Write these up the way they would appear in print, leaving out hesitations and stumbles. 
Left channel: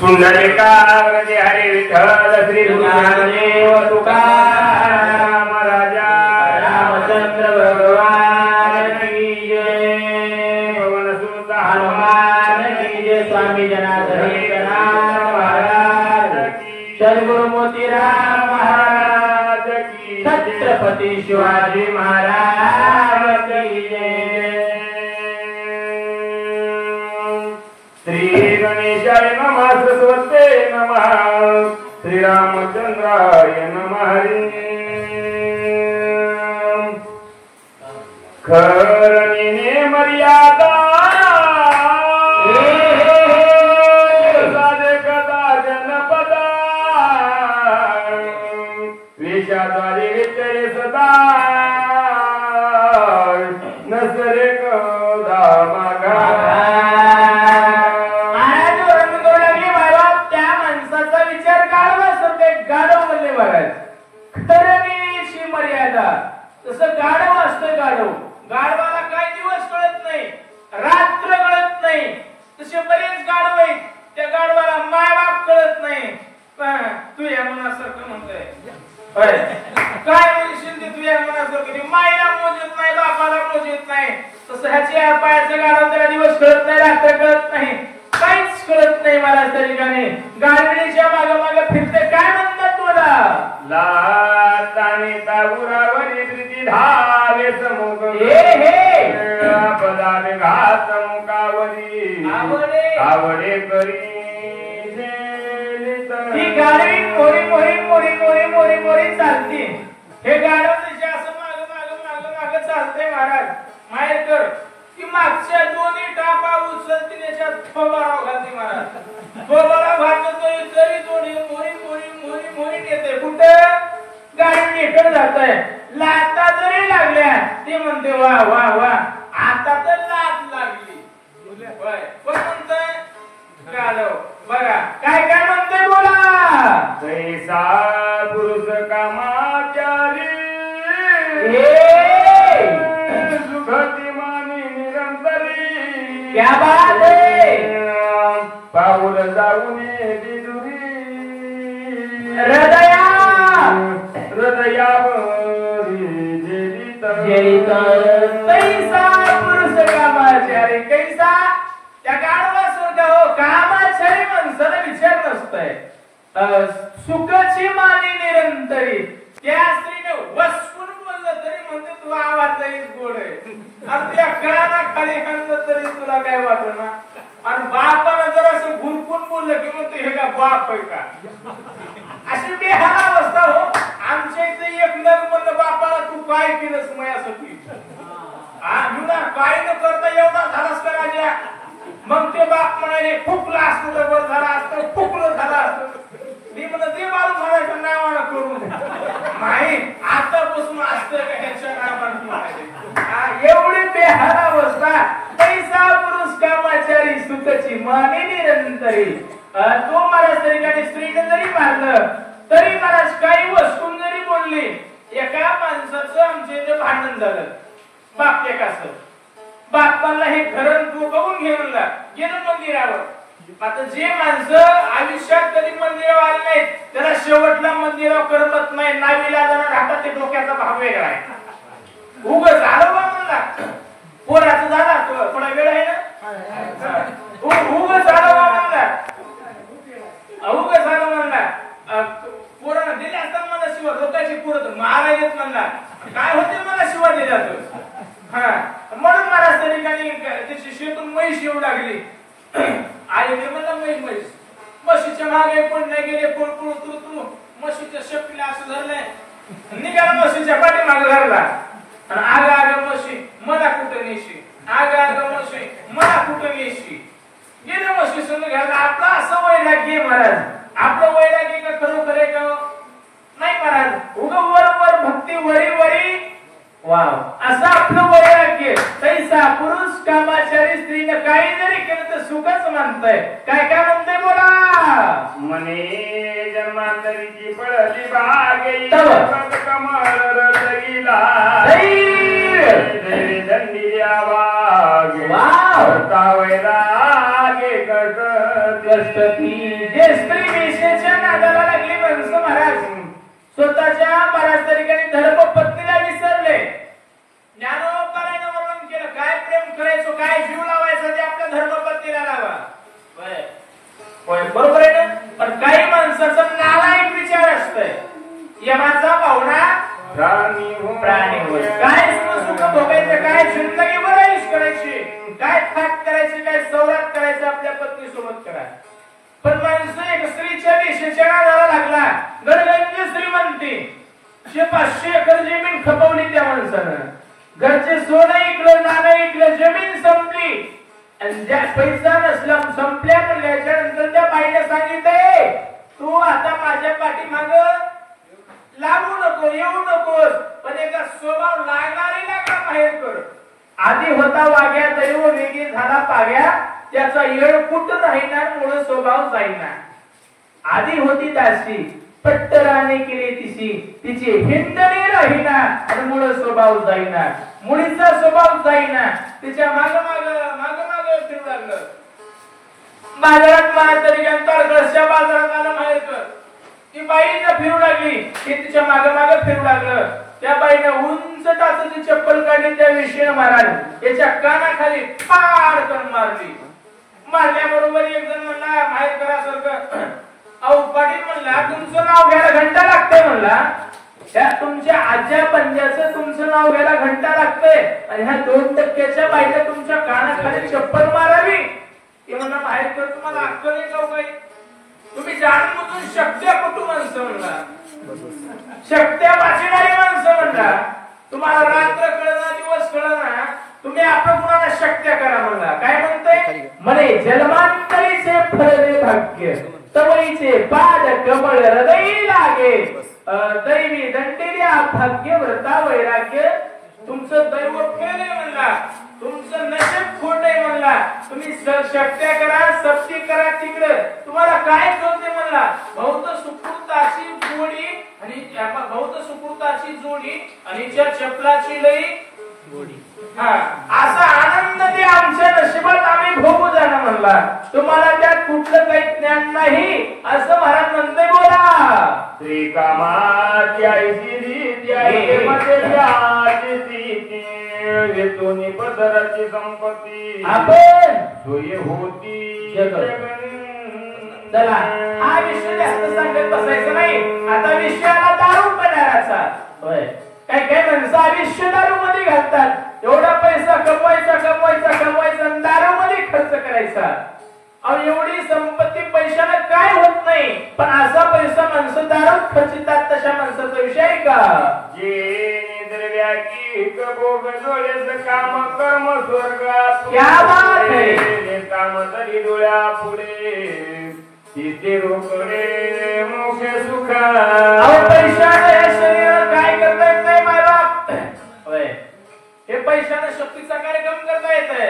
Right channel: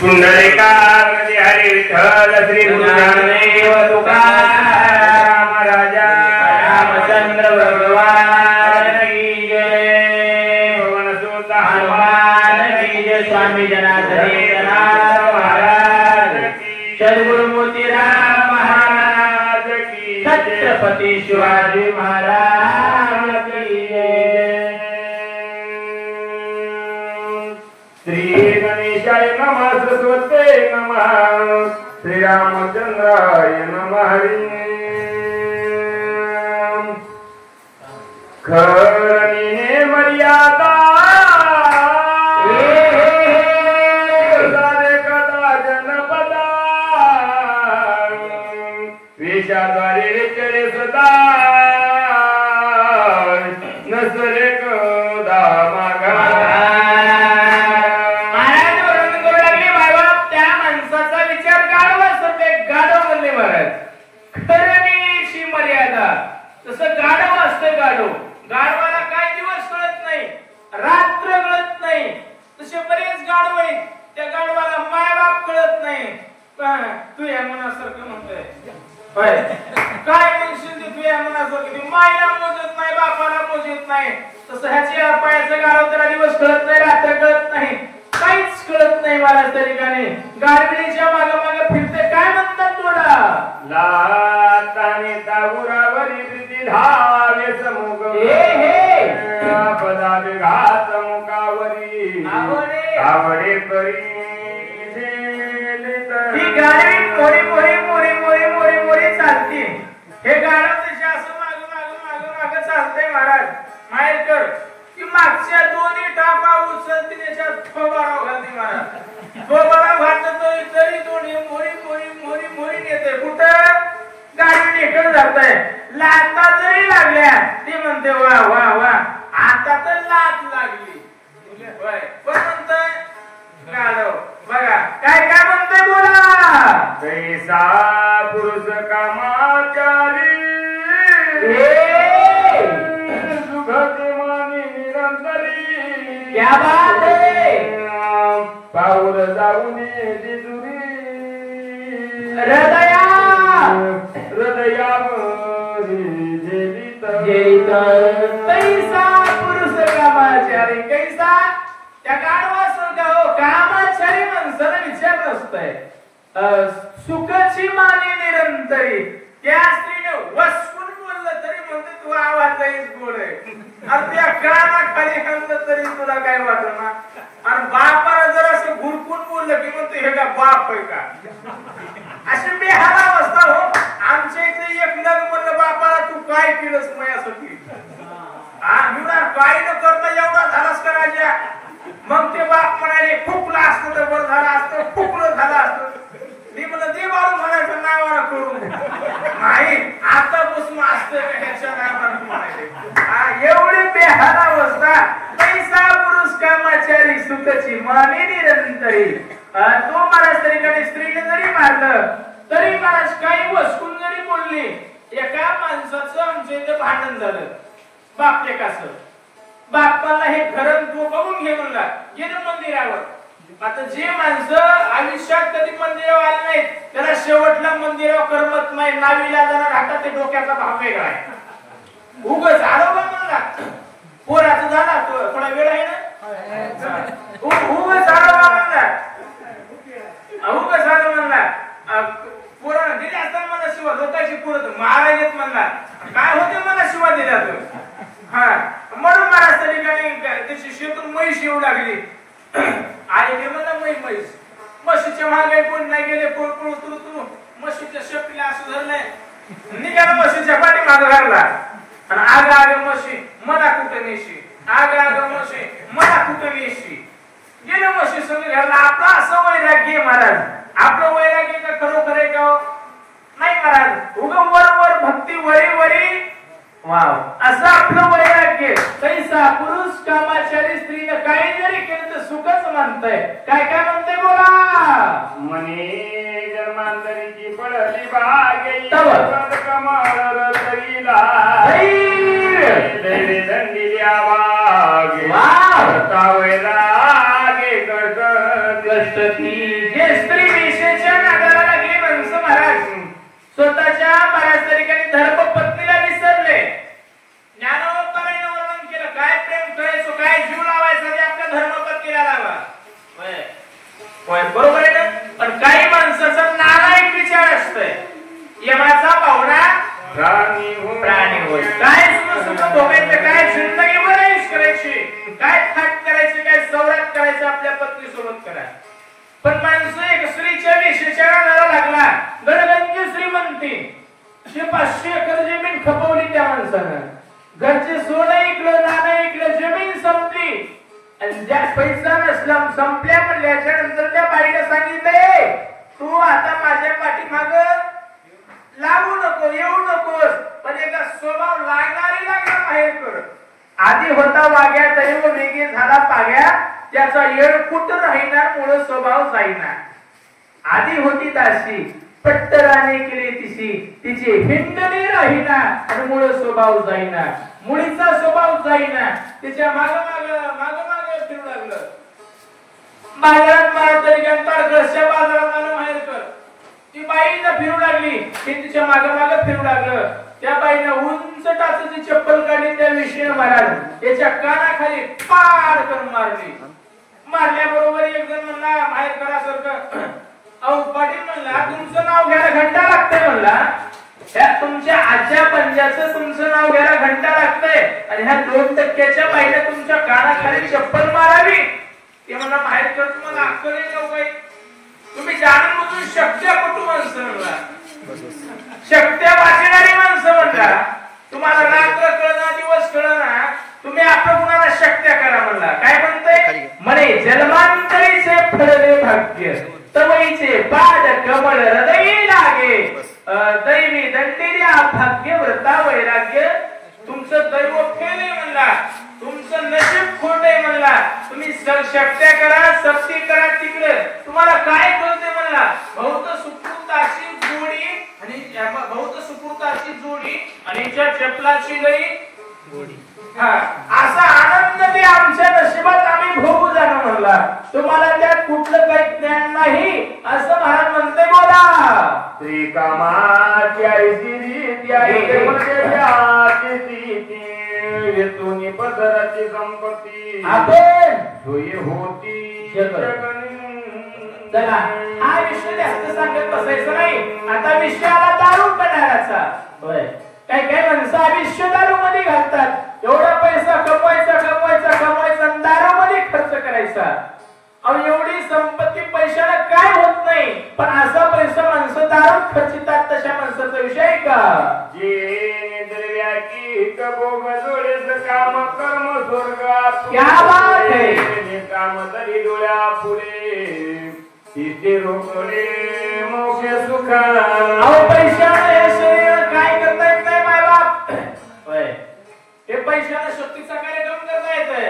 पुंडलिकावरती हरी विठ्ठल श्री गुरुज्ञानदेव तुकाराम राजा रामचंद्र भगवान की जय पवन सुत हनुमान की जय स्वामी जनार्दन महाराज की सद्गुरु मोतीराम महाराज की छत्रपति शिवाजी महाराज की जय श्री गणेशाय नमः सरस्वते नमः श्री रामचंद्राय नमः खरणी मर्यादा कदा जनपदा विषादारी विचरे सदा नसरे कदा मागा तसं गाढव असते गाढव गाढवाला काय दिवस कळत नाही रात्र कळत नाही तसे बरेच गाढव आहेत त्या गाढवाला मायबाप कळत नाही तू या मनासारखं म्हणतोय होय काय म्हणशील ते तू या मनासारखं मायला मोजत नाही बापाला मोजत नाही तसं ह्याच्या पायाचं गाढव त्याला दिवस कळत नाही रात्र कळत नाही काहीच कळत नाही मला तरी गाणे गाडीच्या मागे मागे फिरते काय म्हणतात तोडा लाताने ताबुरावरी प्रीती धावे समुख पदावे घात मुखावरी आवडे करी ही गाडी मोरी मोरी मोरी मोरी मोरी मोरी चालते हे गाडव त्याच्या असं माग माग माग माग चालते महाराज मायकर की मागच्या दोन्ही टापा उचलते त्याच्यात थोबाडाव घालते महाराज थोबाडाव घालतो तरी दोन्ही मोरी मोरी मोरी मोरी नेते कुठं गाडी निकट जात आहे लाता जरी लागल्या ती म्हणते वा वा वा आता तर लात लागली कोण म्हणतंय गाडव बघा काय काय म्हणते बोला जैसा पुरुष कामाचारी सुखते मानी निरंतरी क्या बात है पाऊल जाऊन जिजुरी हृदया हृदयावरी जेलित कैसा पुरुष कामाचारी कैसा त्या गाढवा सोडा हो कामाचारी माणसाला विचार नसतंय सुखाची माने निरंतरी त्या स्त्रीने वसपून बोललं तरी म्हणते तू आवाजच गोड आहे आणि त्या कानाखाली खाल्लं तरी तुला काय वाटत ना आणि बापाला जर असं घुरकून बोललं की म्हणते हे का बाप आहे का अशी बेहाल अवस्था हो आमच्या इथे एक नग म्हणलं बापाला तू काय केलंस मयासाठी काय न करता एवढा झालास का राजा मग ते बाप म्हणाले फुकला असतं तर बरं झालं असतं फुकलं झालं असतं मी म्हणलं ते बाळू म्हणायचं नावानं करून नाही आतापासून असतं का ह्याच्या नावानं म्हणायचे एवढी बेहाल अवस्था पैसा पुरुष कामाचारी सुखची माने निरंतरी तो महाराज तरी काही स्त्रीने जरी मारलं तरी महाराज काही वस्तून जरी बोलली एका माणसाचं आमच्या इथे भांडण झालं बाप एकाचं बापाला हे घरण तू बघून घे म्हणला गेलं मंदिरावर आता जे माणसं आयुष्यात कधी मंदिरावर आले नाहीत त्याला शेवटला मंदिरावर करमत नाही नावीला जरा राहतात ते डोक्याचा भाव वेगळा आहे उग झालं बा म्हणला पोराचं झाला थोडा वेळ आहे ना उग झालं बा म्हणला उग झालं म्हणला पोरानं दिले असताना मला शिवा लोकांची पोरत मारा येत म्हणला काय होते मला शिवा दिला तो हा म्हणून महाराज तरी काही त्याची शेतून म्हैस येऊ लागली आले ते म्हणलं म्हैस म्हशीच्या मागे कोण नाही गेले कोण कोण उतरू म्हशीच्या शेपटीला असं झालंय निघाला म्हशीच्या पाठी माग घालला आणि आग आग म्हशी मला कुठं नेशी आग आग म्हशी मला कुठं नेशी गेलं म्हशी संग घालला आपला असं वैराग्य महाराज आपलं वैराग्य का खरोखर आहे का नाही महाराज उगा वर वर भक्ती वरी वरी वाव असं आपलं वैराग्य कैसा पुरुष कामाचारी स्त्रीने काही जरी केलं तर सुखच मानतंय काय काय म्हणते बोला मने जन्मांतरीची पळली बागे कमळ तरीला दंडी आवागे वैरागे कर्क कष्ट ती जे स्त्री विषयाच्या नादाला लागली माणसं महाराज स्वतःच्या महाराज तरी काही धर्मपत्नीला विसरले. ज्ञानोपरायण वर्णन केलं काय प्रेम करायचो काय जीव लावायचा ते आपल्या धर्मपत्नीला लावा. होय बरोबर आहे ना. पण काही माणसाचा नालायक विचार असतोय यमाचा पाहुणा प्राणी हो काय सुख भोगायचं काय जिंदगीवर ऐश करायची काय थाट करायची काय सवरात करायची आपल्या पत्नी सोबत करा. पण माणसं एक स्त्रीच्या विषयाच्या नादाला लागला गडगंज श्रीमंती 500 एकर जमीन खपवली त्या माणसानं. घरचे सोनं ऐकलं नाणं ऐकलं जमीन संपली आणि ज्या पैसा नसला संपल्या म्हणल्याच्या नंतर त्या बाईने सांगितले तू आता माझ्या पाठीमाग लागू नको येऊ नकोस पण एकदा स्वभाव लागणारी बाहेर कर. आधी होता वाग्या तरी व वेगी झाला पाग्या त्याचा येळ कुठं राहणार मुळे स्वभाव जाईना. आधी होती दासी पट्टराने केले तिची हिंडणे राहीना आणि मुळे स्वभाव जाईना. मुलीचा स्वभाव जाईना तिच्या माग फिरू लागलं. बाजारात माळ तरी घरच्या बाजारात आलं बाहेर कर. ती बाईला फिरू लागली की तिच्या माग फिरू लागलं. त्या बाईने उंच टाचाची चप्पल काढली त्या विषयीने महाराज याच्या कानाखाली फाड करून मारली. मारल्याबरोबर एक जण म्हणला बाहेर करासारखं अहो पाटील म्हणला तुमचं नाव घ्यायला घंटा लागतंय म्हणला. त्या तुमच्या आज्या पंजाचं तुमचं नाव घ्यायला घंटा लागतंय आणि ह्या 2% बाईने तुमच्या कानाखाली चप्पल मारावी. ते म्हणला बाहेर कर तुम्हाला अक्कल आहे का काही तुम्ही जाणून बुजून शक्त्यापटू माणसं म्हणला शक्त्या वाचणारी माणसं म्हणला. तुम्हाला रात्र कळना दिवस कळना तुम्ही आपल्या गुणाला शक्त्या करा म्हणला. काय म्हणतंय म्हणे जन्मांतरीचे फळले भाग्य तवईचे पाद कमळ हृदय लागे दैवी दंडिर्या भाग्य व्रता वैराग्य. तुमचं दैव केले म्हणला तुमचं नशीब खोटे म्हणला. तुम्ही शक्त्या करा सक्ती करा तिकडे तुम्हाला काय कळते म्हणला. बहुत सुकृताची जोडी आणि ज्या चपलाची लई असा आनंद ते आमच्या नशिबात आम्ही भोगू जाणार म्हणला. तुम्हाला त्यात कुठलं काही ज्ञान नाही असं महाराज म्हणते. बोला श्री कामाची आईची रीती आई तुम्ही पदराची संपत्ती आपण सोयी होती चला हा विषय जास्त सांगत बसायचं नाही. आता विषयाला दारू पिणाराचा होय काय काय माणसं आयुष्य दारू मध्ये घालतात. एवढा पैसा कमवायचा दारू मध्ये खर्च करायचा. अहो एवढी संपत्ती पैशाला काय होत नाही पण असा पैसा माणसं दारूत खर्चितात तशा माणसाचा विषय आहे का. जे दरव्या की कबोग जोडेच काम कर्म स्वर्ग क्या बात है. काम तरी डोळ्या पुढे तिथे रोकडे मोक्ष सुख. पैशाने हे शरीर काय करतायत काय माय बाप हे पैशाने शक्तीचा कार्यक्रम करता येतोय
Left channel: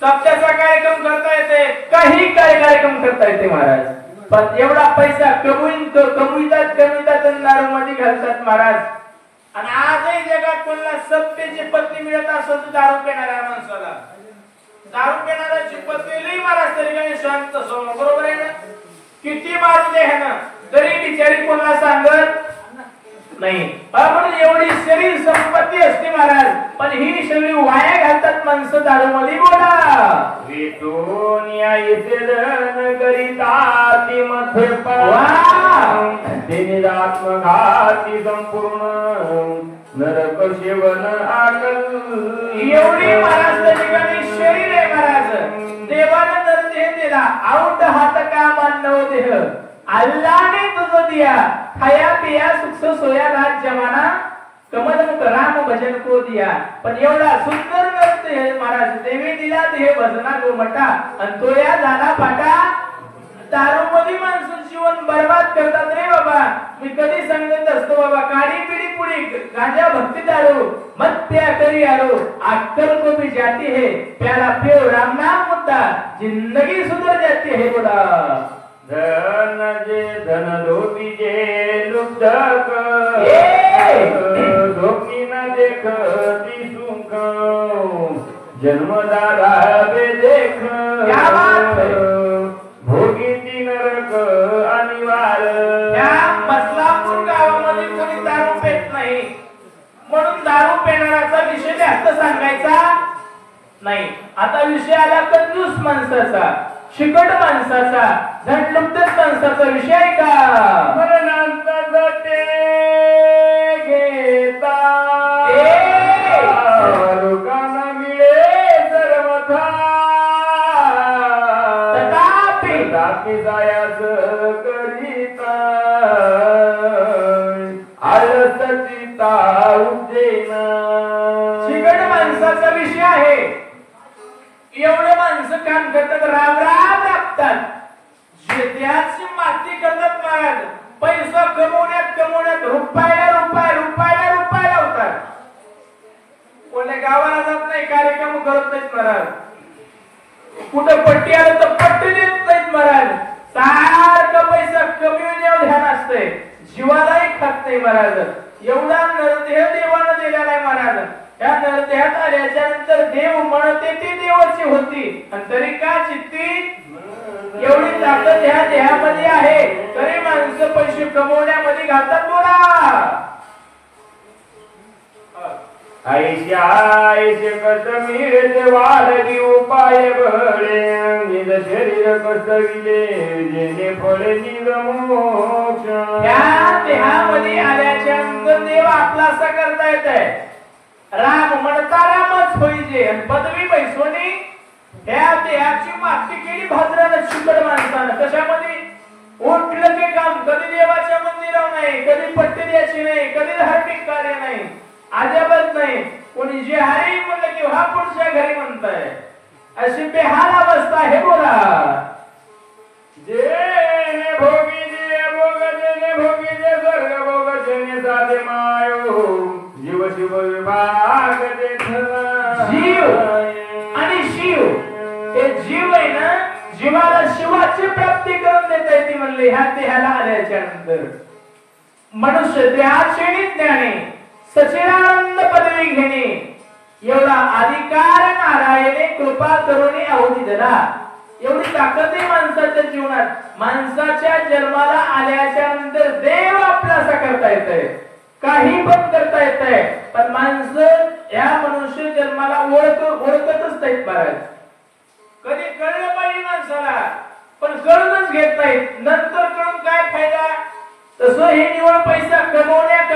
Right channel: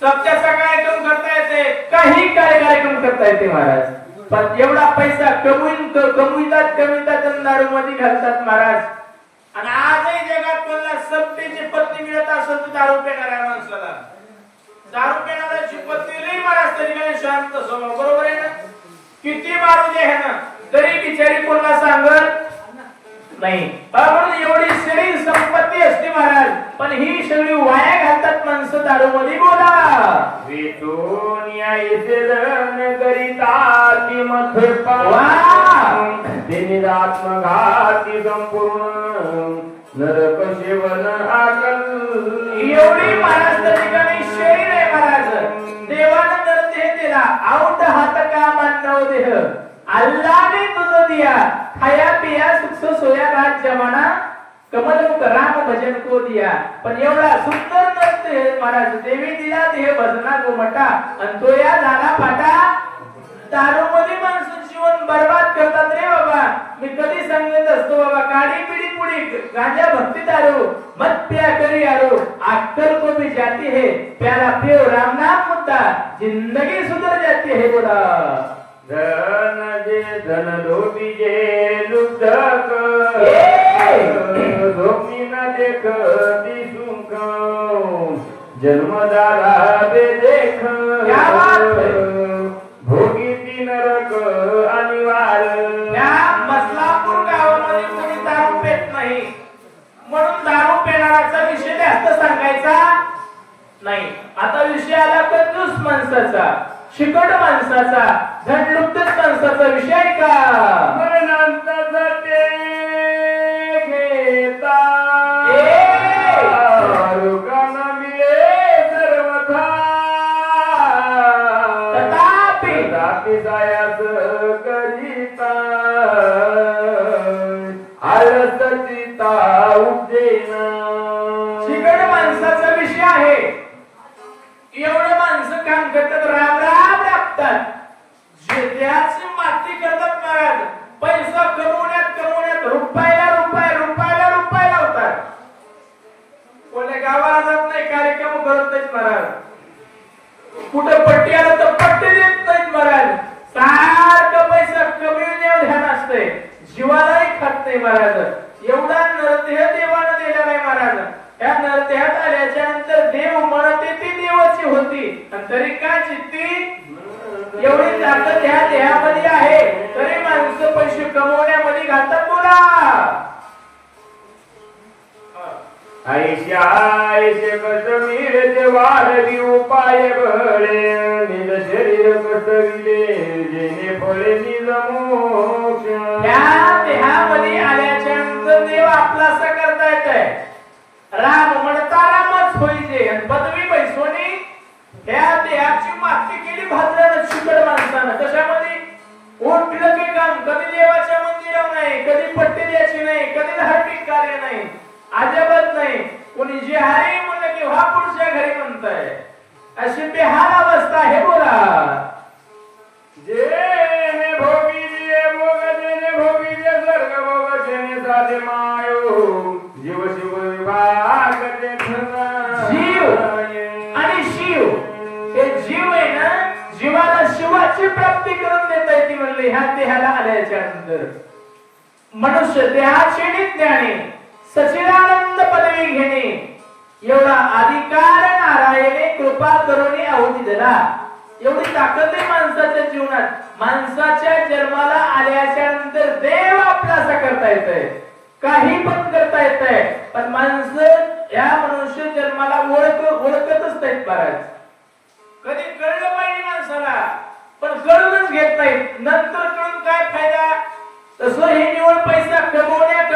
सत्याचा कार्यक्रम करता येते काही कार्यक्रम करता येते महाराज. पण एवढा पैसा कमवितात दारू मध्ये घालतात महाराज. आणि आजही जगात मला सत्तेची पत्नी मिळत असत दारू पिणाऱ्या माणसाला. दारू पिणाऱ्याची पत्नी लई महाराज तरी काय शांत स्वभाव बरोबर आहे ना. किती मारू दे ह्यानं तरी बिचारी कोणाला सांगत नाही. आपण एवढी शरीर संपत्ती असते महाराज पण ही शरीर वाया घालतात माणसं दारू मध्ये. बोला करिताती आत्मघाती संपूर्ण नरक सेवन आकल. एवढी महाराज ठिकाणी शरीर आहे महाराज. देवाने तर देह दिला आउट हात का मानव देह अल्लाने तुझं दिया खाया पिया सुख सोया राज जमाना कमल राम भजन को दिया. पण एवढा सुंदर नृत्य हे महाराज देवी दिला हे भजना जो मटा आणि तो या झाला फाटा. दारू मध्ये माणसं जीवन बर्बाद करतात रे बाबा. मी कधी सांगत असतो बाबा काडी पिढी पुढी गांजा भक्ती दारू मत प्या करी आरो अक्कल को भी जाती है प्याला पियो राम नाम मुद्दा जिंदगी सुधर जाती है. बोला धन जे धन धोती जे लुब्धक धोकी न देखती सुख जन्मदारा बे देख भोगी माणसाचा, शिकड माणसाचा, धनलुप्तच माणसाचा विषय का? मरणांचा जाते घेता लोकांना मिळे सर्वथा तथापि जायाच करिता आळसचिता उजेना. शिकड माणसाचा विषय आहे. एवढं माणसं काम करतात, राम राम राबतात, त्याची माती करतात महाराज. पैसा कमवण्यात रुपयाला रुपये लावतात. कोणी गावाला जात नाही, कार्यक्रम करत नाहीत महाराज. कुठं पट्टी आलं तर पट्टी देत नाहीत महाराज. सारखं पैसा कमविण्यावर ध्यान असतंय, जीवालाही खात नाही महाराज. एवढा नरदेह देवानं दिलेला आहे महाराज. या नरदेहात आल्याच्या नंतर देव म्हणते ती देवाची होती, आणि तरी का चित्ती एवढी ताकद ह्या देहामध्ये आहे, तरी माणसं पैसे कमवण्यामध्ये घालतात. बोला ऐशे कस मिळते वाढवी उपाय बळे निज शरीर कसविले जेणे फळे निज मोक्ष. त्या देहामध्ये आल्याच्या नंतर देव आपलासा करता येत आहे. राम म्हणता रामच होईजे, आणि पदवी बैसोनी त्या देहाची माती केली भाद्रानं शिकड माणसानं. कशामध्ये? उठलं की काम कधी देवाच्या मंदिरावर नाही, कधी पट्टी द्यायची नाही, कधी धार्मिक कार्य नाही, अजिबात नाही. कोणी जे हरी म्हणलं की हा पुढच्या घरी म्हणताय. अशी बेहाल अवस्था आहे. बोला जे भोगी जे भोगी जे स्वर्ग भोग जेणे साधे मायो जीव शिव विभाग जीव आणि शिव, हे जीव आहे ना, जीवाला शिवाची प्राप्ती करून देता येते म्हणले ह्या देहाला आल्याच्या नंतर. मनुष्य देहाची ज्ञाने सचिदानंद पदवी घेणे एवढा अधिकार नारायणे कृपा करुणी आहुती दिला. एवढी ताकद आहे माणसाच्या जीवनात. माणसाच्या जन्माला आल्याच्या नंतर देव आपल्यासा करता येतंय, काही पण करता येतंय, पण माणसं या मनुष्य जन्माला ओळखतच नाहीत महाराज. कधी कळलं पाहिजे माणसाला, पण कळूनच घेत नाहीत. नंतर कळून काय फायदा? तसं हे निवड पैसा कमवण्यात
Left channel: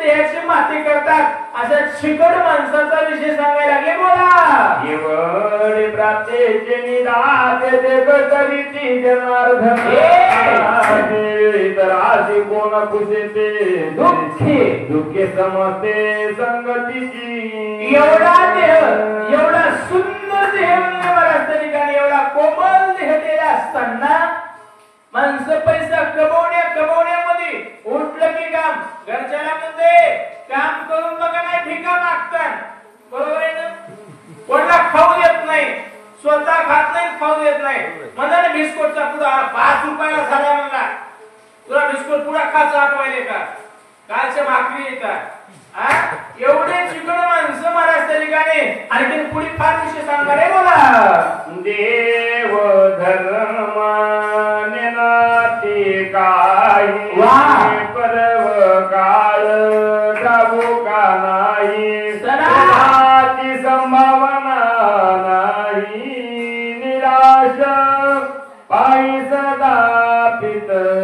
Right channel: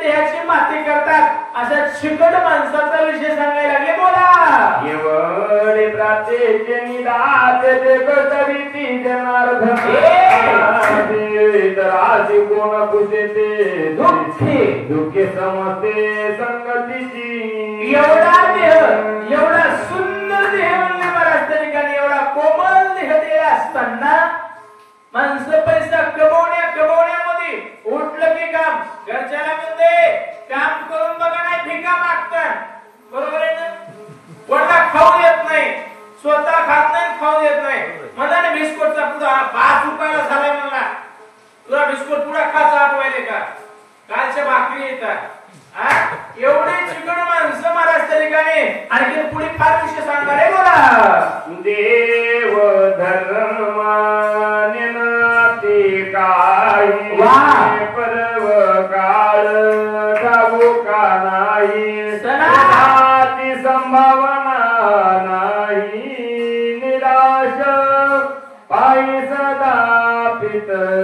देहाची माती करतात. अशा शिकड माणसाचा विषय सांगायला लागले. बोला एवढे प्राप्तीचे निदात ते करीती जनार्दन तर आधी कोण पुसेते दुःखे समजते संगतीची. एवढा देह, एवढा सुंदर देह म्हणजे महाराज त्या ठिकाणी एवढा कोमल देह दिला असताना माणसं पैसा कमवण्यामध्ये उठलं की काम, घरच्याला म्हणते काम करून बघा नाही भिका मागतात. बरोबर आहे ना? कोणाला खाऊ देत नाही, स्वतः खात नाही, खाऊ देत नाही. म्हणला ना बिस्कुटचा पुडा 5 रुपयाला झालाय, म्हणला तुला बिस्कुट पुडा खायचा आठवायले का? कालच्या भाकरी येतात. एवढे चिकन माणसं महाराज त्या ठिकाणी. आणखी पुढे फार विषय सांगणार आहे. बोला देव धर्माने नाती काही परव काळ जाबो का नाही नाती संभावना नाही निराश पायी सदा पितर.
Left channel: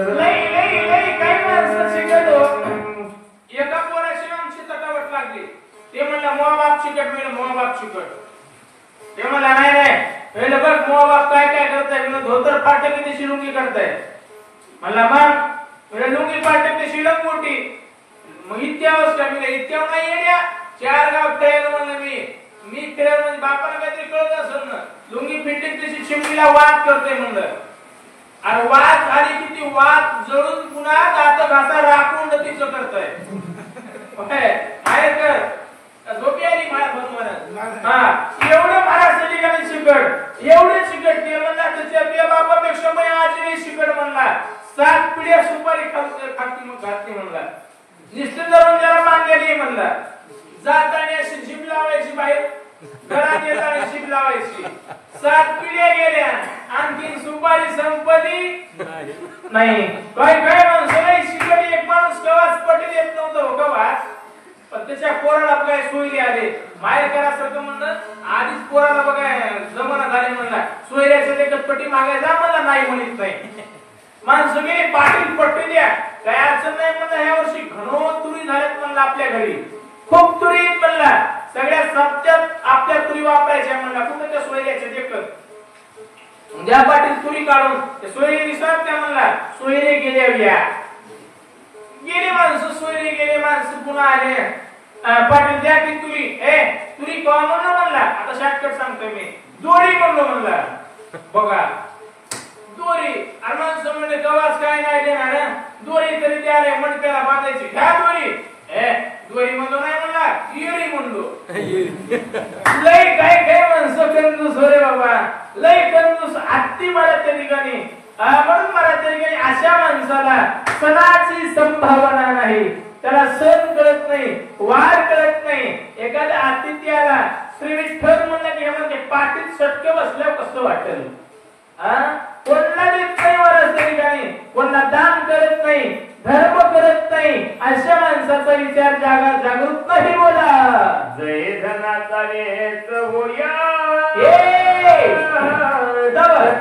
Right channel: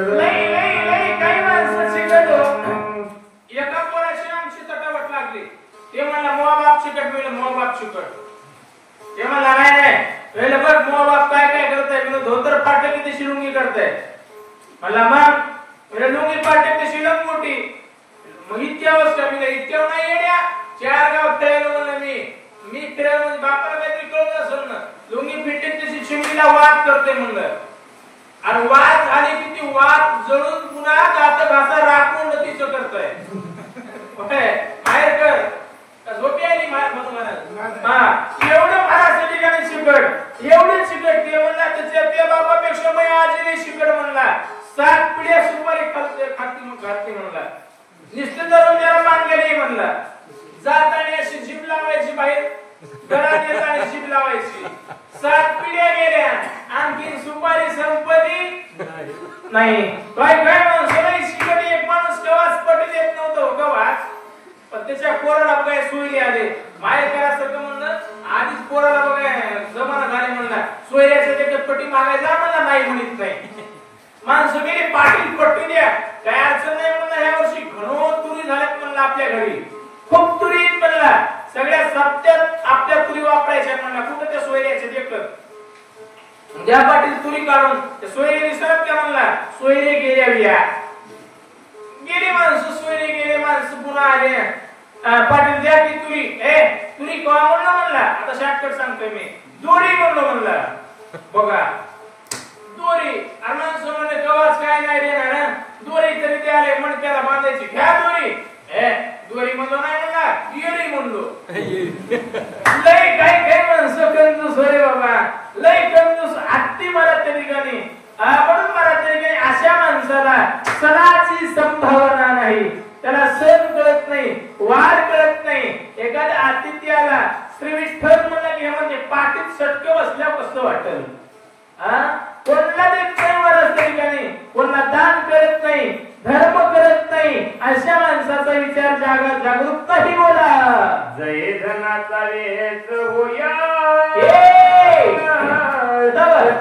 काही माणसं चिकट एका पोराशी आमची तटावट लागली. ते म्हणला मोह बाप चिकट मिळेल, मोह बाप चिकट. ते म्हणला नाही बघ मोह बाप काय करताय, धोतर पाटे किती लुंगी करताय. म्हणला मग लुंगी पाटे कशी लंगोटी, मग इतक्यावच का मी इतक्यावर नाही येण्या 4 गाव ट्रेल म्हणलं मी ट्रेल मध्ये बापाला काहीतरी कळत असेल ना. लुंगी फिटिंग तशी चिमणीला वाद करते म्हणलं. अरे वाद झाली की ती वाद जळून पुन्हा दात घासा राखून तिचं करतोय. बाहेर कर झोपी आली एवढं महाराज ठिकाणी शिकड, एवढे शिकड. ते म्हणला त्याच्या बापापेक्षा मी आजही शिकड म्हणला. 7 पिढ्या सुपारी खाती म्हणला. निष्ठ धरून त्याला मागेली म्हणला. जाताना अशी जीभ लावायची बाहेर, घरात येताना जीभ लावायची. 7 पिढ्या गेल्या, आणखी सुपारी संपली नाही. काय माणसं शिकड. एक माणूस कवाच पटी देत नव्हतं कवा, त्याच्या पोराला काय सोयी आले. माहेर करासारखं म्हणणं आधीच पोराला बघा जमाना झाले म्हणला सोयऱ्याचं ते पट्टी मागायचा मला नाही म्हणत नाही माणसं गेले पाटील पट्टी द्या काय अडचण नाही म्हणलं ह्या वर्षी घणो तुरी झाल्यात म्हणलं आपल्या घरी खूप तुरी म्हणला सगळ्या सप्त्यात आपल्या तुरी वापरायच्या म्हणला कुठं त्या सोयऱ्याचे देखत ज्या पाटील तुरी काढून त्या सोयरे विसरत त्या म्हणला सोयरे गेल्या बिया गेली माणसं सोयरे गेले माणसं पुन्हा आले पाटील द्या की तुरी तुरी कवा म्हणला आता शॉर्टकट सांगतोय मी दोरी म्हणला बघा दोरी आणि माणसं म्हणले गव्हाच काय नाही देणार ना दोरी तरी द्यायला म्हणून त्याला बांधायची घ्या दोरी दोरी म्हणलो नाही म्हणला येरी म्हणलो लय काय माणसं कंजूस होय बाबा लय कंजूस आत्ती मला त्या ठिकाणी म्हणून मला त्या ठिकाणी अशा माणसाला सणाची संभावना नाही त्याला सण कळत नाही वार कळत नाही एखाद्या आतिथ्याला श्री विठ्ठल म्हणलं की म्हणजे पाठीत सटके बसल्यावर कसं वाटेल कोणाला देत नाही वरच तरी काही कोणाला दान करत नाही धर्म करत नाही अशा माणसाचा विचार जागृत नाही बोला जय धनाचा वेच होया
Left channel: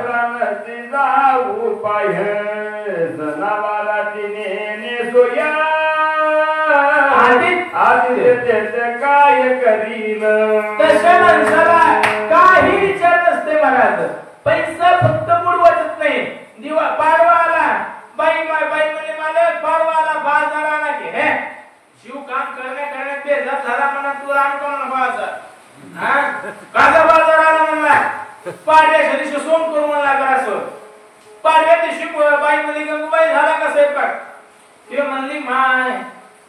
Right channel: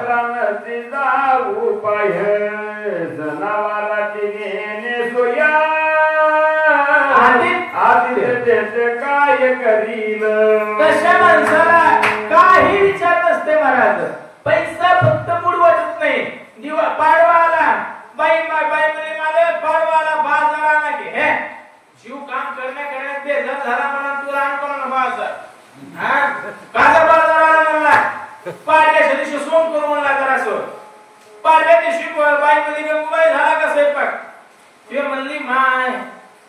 प्राणाचे जाऊ पाय जनावराची नेने सोया आदित्य काय करील तशा माणसाला काही विचार नसते महाराज पैसा फक्त बुडवतच नाही दिवा पाडवा आला बाई म्हणजे मालक पाडवा आला बाजार आला की हे जीव काम करण्यात बेजार झाला म्हणा तू राम कोण व्हायचा काजा बाजार आला म्हणला पाडव्याच्या दिवशी सोम करू म्हणला जरासं पाडव्या दिवशी बाई मध्ये गंगूबाई झाला का स्वयंपाक ते म्हणली माय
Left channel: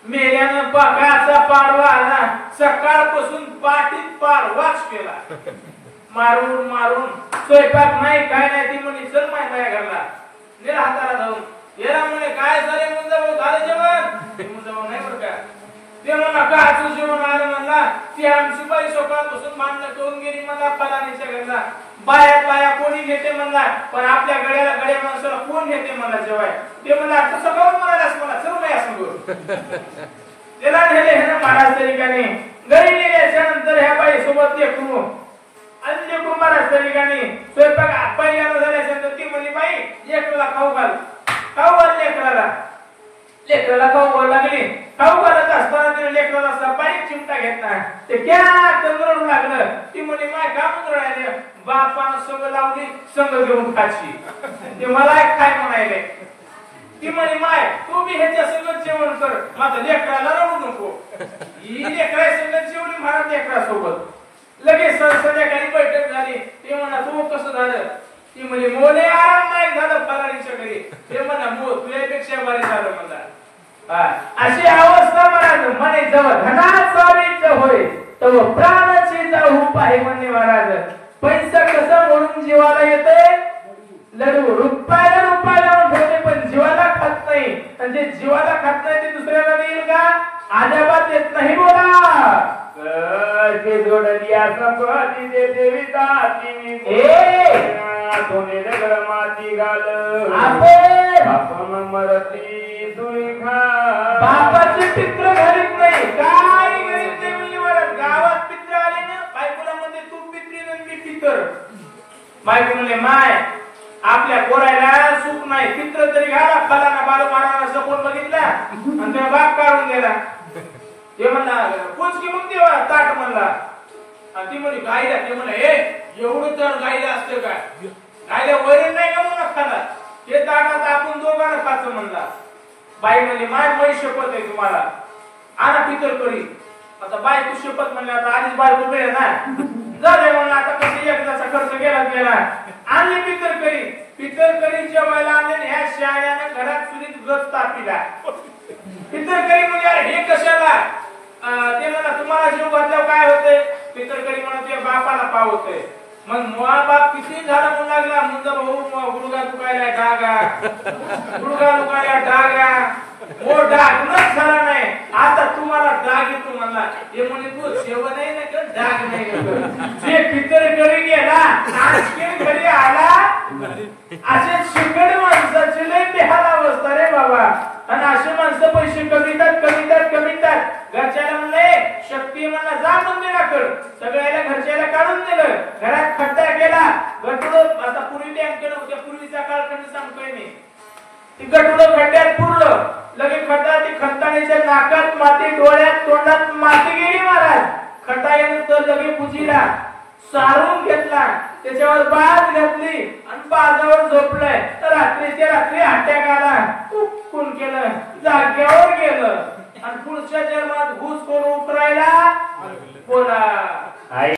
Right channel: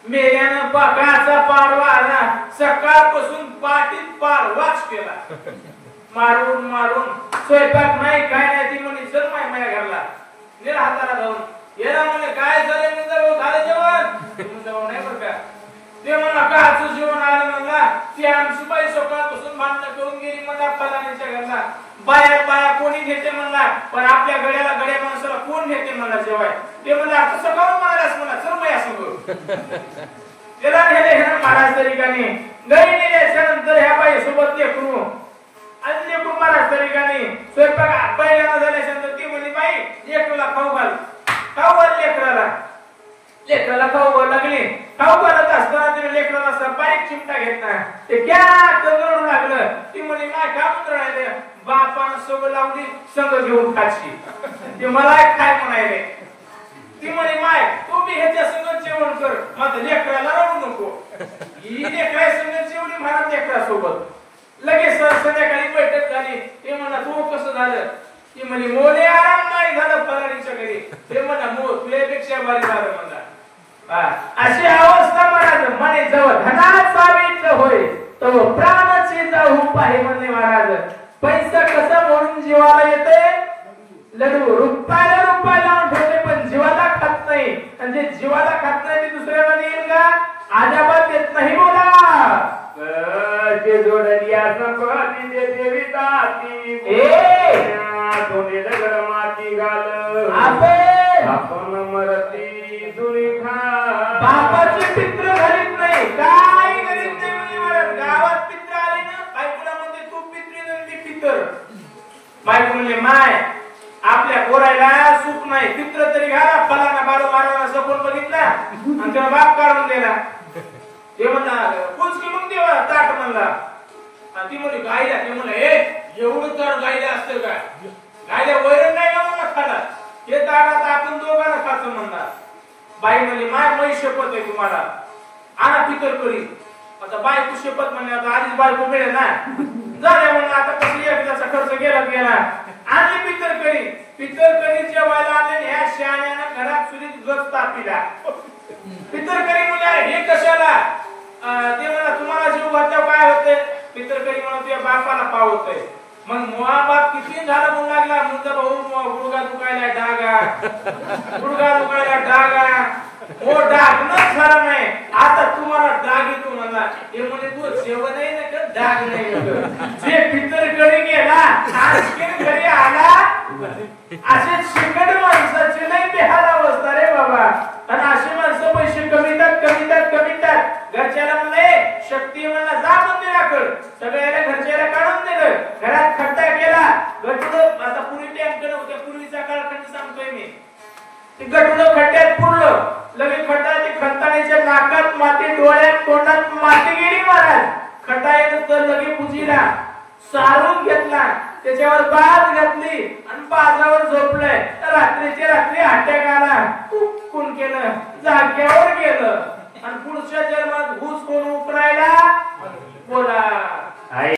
मेल्यानं काचा पाडवा आला सकाळपासून पाठीत पारवाच केला मारून मारून स्वयंपाक नाही काय नाही ती म्हणे चल माझ्या घरला निरा हाताला जाऊन येरा म्हणे काय झाले म्हणजे झालं जेवण नाही बरं का ते म्हणला काचं जेवण आलं म्हणला ती आमची बाई सकाळपासून भांडणं करून गेली म्हणला फलानीच्या घरला बाया कोणी नेते म्हणला पण आपल्या गड्या माणसाला कोण नेते म्हणला जेवाय ते म्हणला तसं करून म्हणालास मला चल बाई असं करू त्याला नेले महाराज त्या ठिकाणी घरी नेल्याच्या नंतर ह्या बाई सोबत लेकरू आणि लेकरू महाराज त्या ठिकाणी स्वयंपाक पहिल्यांदा झाल्याच्या नंतर ती म्हणे बाई लेकरूला खाऊ घाल लेकराला खाऊ लागली खाऊ घालत असताना तिने लेकराला असा बारीक चिमटा घेतला ते क्या तंगडू लागलं ती म्हणे काय काम राहिले बापानं सवय लावली संग घेऊन खाची ते मला काय म्हणायले ती म्हणे माय तू बी ह्याच्या संग जेवण कर माझं लेकराला रडू नको ही लेकरा संग जेवणी महाराज लेकरा सोबत लगेच संध्याकाळी बैठक झाली ते म्हणा तू कसं झालं ती म्हणजे मोले आराम नाही झालं फलारीच्या घरी ते म्हणा मो तुझ्यापेक्षा बरी झालं मला अशी अवस्था महाराज म्हणे जवळ धनाचा बीज होय तव प्राणाचे जाऊ पाहि म्हणणे महाराज पैसा कसा म्हणून जीवाला येते लडू रुपयाला ठेवते पण जीवाला खात नाही म्हणजे जीवाला खात नाही ते दुसऱ्याला येईल का आजाबात येत नाही बोला ते जोडलिया संपत्ती दे देवी दाती कोणी नगर माती घाल आपण मरती जुनी खा बापाचे पित्र घालीत नाही काय करीत नाही गावात पित्र आले ना बायकोला म्हणते तू पित्री मी पितर बायको म्हणले माय आपल्या पोरायला सुख नाही पित्र तरी घाला फलाना बाळू मारायला सपोर्ट बघितला आणि तुला बाप काढून गेला ते म्हणला पुचकी मग देवा ताट म्हणला आणि ती म्हणली गायला ते म्हणलं एवढं तर गायला असतं का गायला वैरण नाही का म्हणा खाला ते ताटात आपण दोघांना खायचं म्हणला बाई म्हणली माय मै शपथ आहे तुम्हाला आणा पितर करी आता बायको शपथ म्हणले आता आधीच बायको मिळेल ना झाले म्हणलं आता कशी एकदाचा खर्च गेला आणले पितर करी जेवायला आणले ह्या शाळ्याने घरात चुलीत गज तापिला पितर करी म्हणजे हे कशाला ते म्हणा तुम्हाला जीव घातल्यावर काय होतंय पितर करी म्हणा तुझ्या बापाला पाव होतंय मग मुळा बाप किती झालं म्हणू लागला म्हणतो भाऊ गुडघा दुखायला डागा हो डागणच झाला नाही आता तुम्हाला डाग येतो म्हणला हे म्हणे तू जेवण नाही ना का डाग नाही जे पितरकडे गेला आणखी घरी आला असे शिकड माणसाची लई बेहाल अवस्था रे बाबा आणि असे माणसं पैसे कमीतात घरच्याला म्हणले शक्ती म्हणला जा मंदिराकडे सगळ्याला घरच्याला काढून घरात खड्डा केला गटुडं आता पूर्वी बँकेत होत्या पूर्वीच्या काळखंड सांगतोय मी ती गटुडं खड्ड्यात पुरलं लगे खड्डा ती खताळीच्या नाकात माती डोळ्यात तोंडात माती गेली महाराज खड्डा येत तर लगे पुजीला सारून घेतला त्याच्यावर बाज घातली आणि बाजावर झोपलंय तर रात्रीच्या रात्री अटॅक आला कोण केलं जागेवर गेलं आणि पुढच्या जन्मात घुस कोण उकरायला बोला